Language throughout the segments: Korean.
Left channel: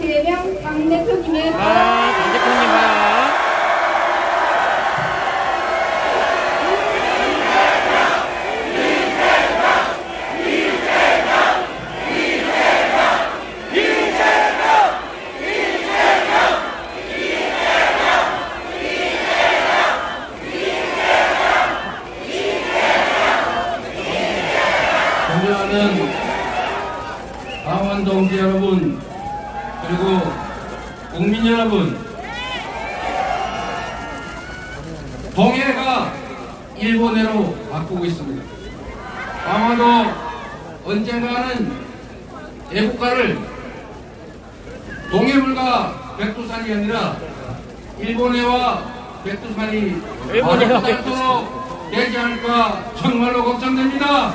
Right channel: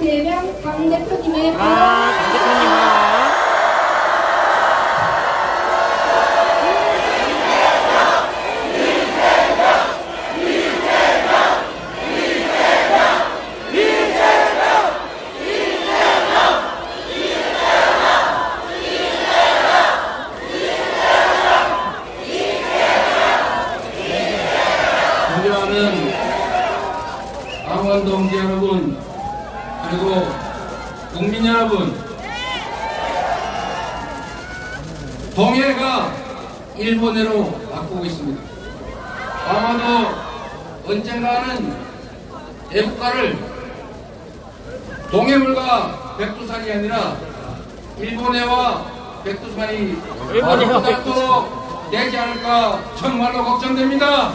제명 당 대표님의 아, 강 대표님 하. 존경하는 강원 동지 여러분 그리고 국민 여러분 동해가 일본해로 바꾸고 있습니다. 아마도 언젠가는 애국가를 동해물과 백두산이 아니라 일본해와 백두산이 바로 되지 않을까 정말로 걱정됩니다.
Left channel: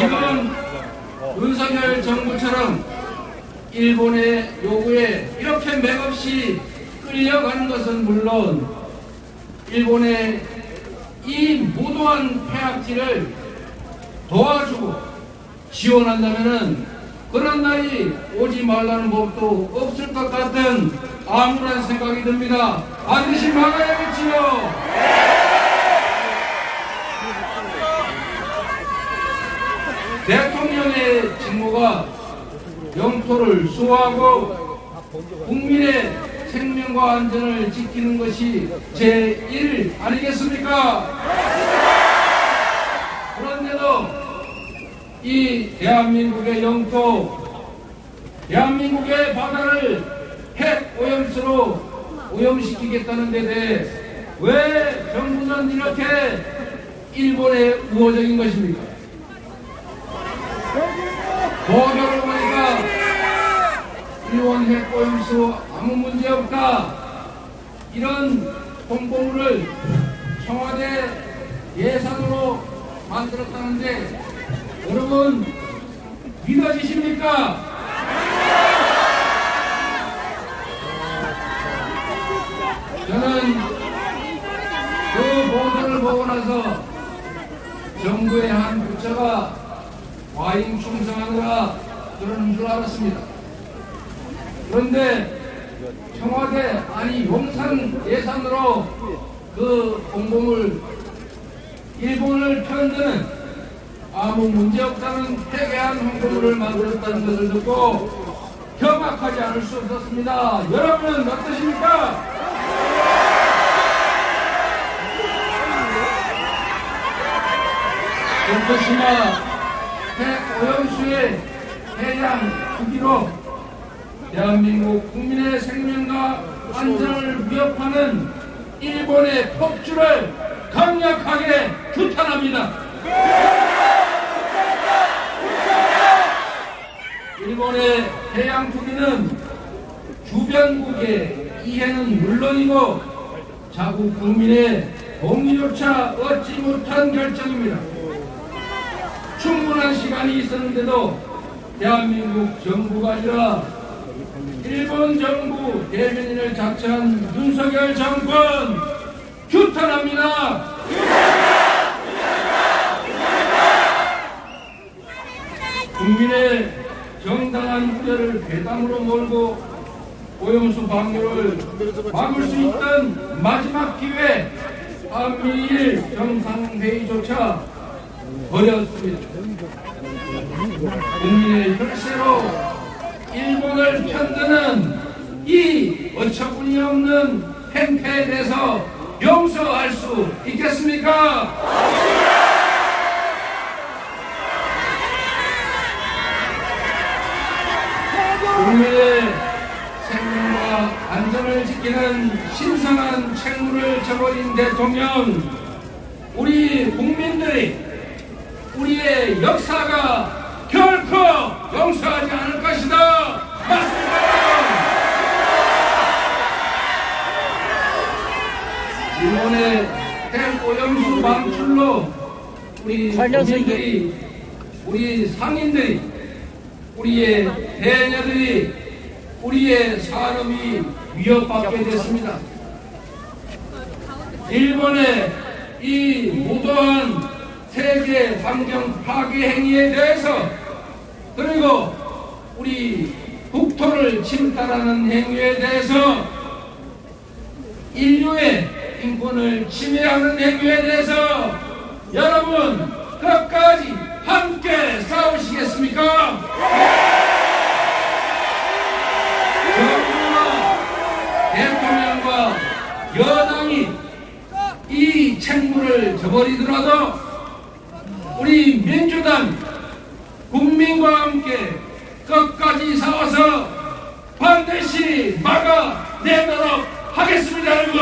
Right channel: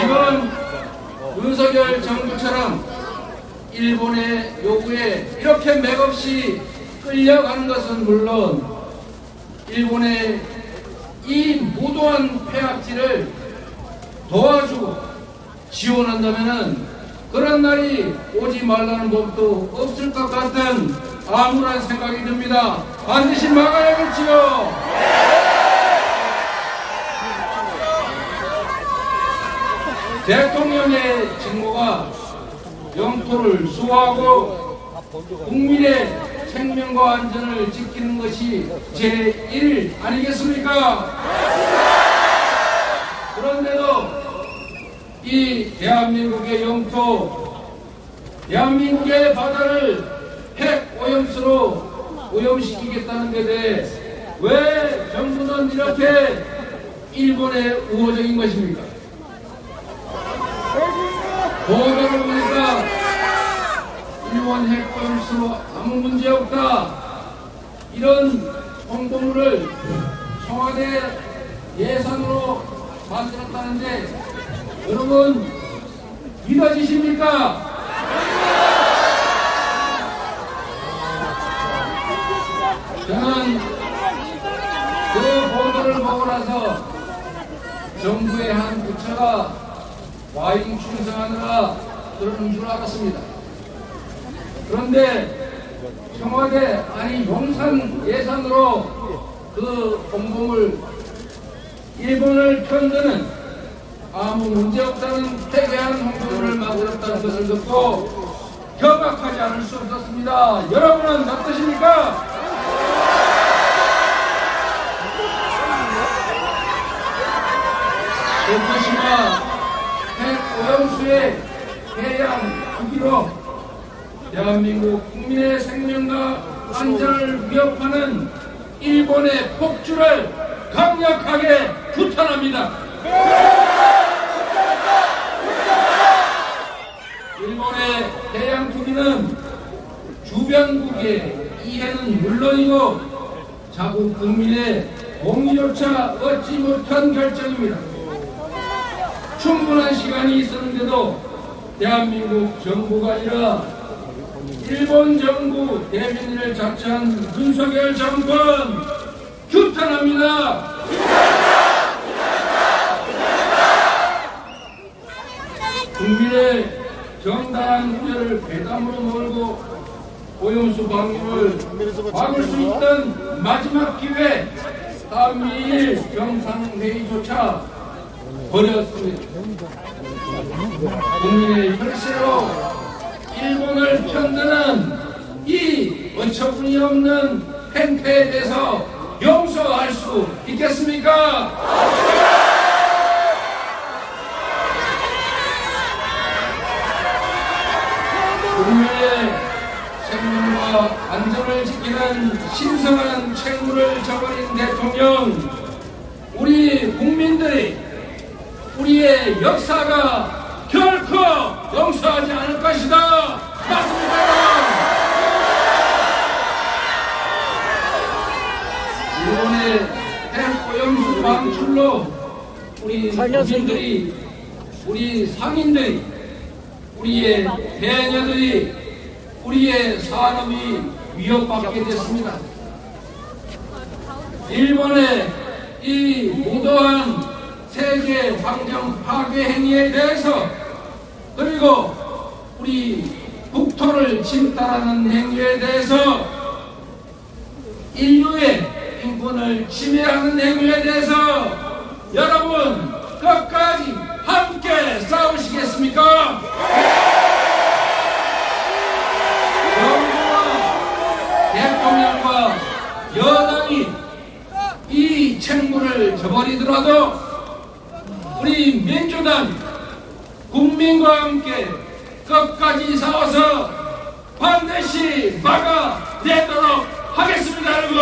지금 윤석열 정부처럼 일본의 요구에 이렇게 맥없이 끌려가는 것은 물론 일본의 이 무도한 폐악질을 도와주고 지원한다면은 그런 날이 오지 말라는 법도 없을 것 같은 암울한 생각이 듭니다. 반드시 막아야겠지요. 대통령의 영토를 수호하고 국민의 생명과 안전을 지키는 것이 제1 아니겠습니까? 그런데도 이 대한민국의 영토, 대한민국의 바다를 핵 오염수로 오염시키겠다는 데 대해 왜 정부는 이렇게 일본에 우호적인 것입니까? 일본 핵오염수 아무 문제 없다 이런 홍보물을 청와대 예산으로 만들었다는데 여러분 믿어지십니까? 저는 그 보도를 보고 나서 정부의 한 부처가 과잉 충성하느라 그러는 줄 알았습니다. 그런데 청와대 아니 용산 예산으로 그 공범을 일본을 편드는 아무 문제 없다는 폐기한 홍보물을 만들었다는 것을 듣고 경악하지 않을 수 없었습니다. 여러분은 어떠십니까? 도쿄시마 핵오염수의 해양 투기로 대한민국 국민의 생명과 안전을 위협하는 일본의 폭주를 강력하게 규탄합니다. 일본의 해양 투기는 주변국의 이해는 물론이고 자국 국민의 동의조차 얻지 못한 결정입니다. 충분한 시간이 있었는데도 대한민국 정부가 아니라 일본 정부 대변인을 자처한 윤석열 정권 규탄합니다. 국민의 정당한 우려를 배담으로 몰고 오염수 방류를 막을 수 있던 마지막 기회 한미일 정상회의조차 버렸습니다. 국민의 혈세로 일본을 편드는 이 어처구니 없는 행태에 대해서 용서할 수 있겠습니까? 국민의 생명과 안전을 지키는 신성한 책무를 저버린 대통령, 우리 국민들이 우리의 역사가 결코 용서하지 않을 것이다. 맞습니다. 일본의 핵오염수 방출로 우리 국민들이 우리 상인들이 우리의 대녀들이 우리의 산업이 위협받게 됐습니다. 일본의 이 무도한 세계 환경 파괴 행위에 대해서 그리고 우리 국토를 침탈하는 행위에 대해서 인류의 인권을 침해하는 행위에 대해서 여러분 끝까지 함께 싸우시겠습니까? 정부와 대통령과 여당이 이 책무를 저버리더라도 우리 민주당 국민과 함께 끝까지 싸워서 반드시 막아내도록 하겠습니다 여러분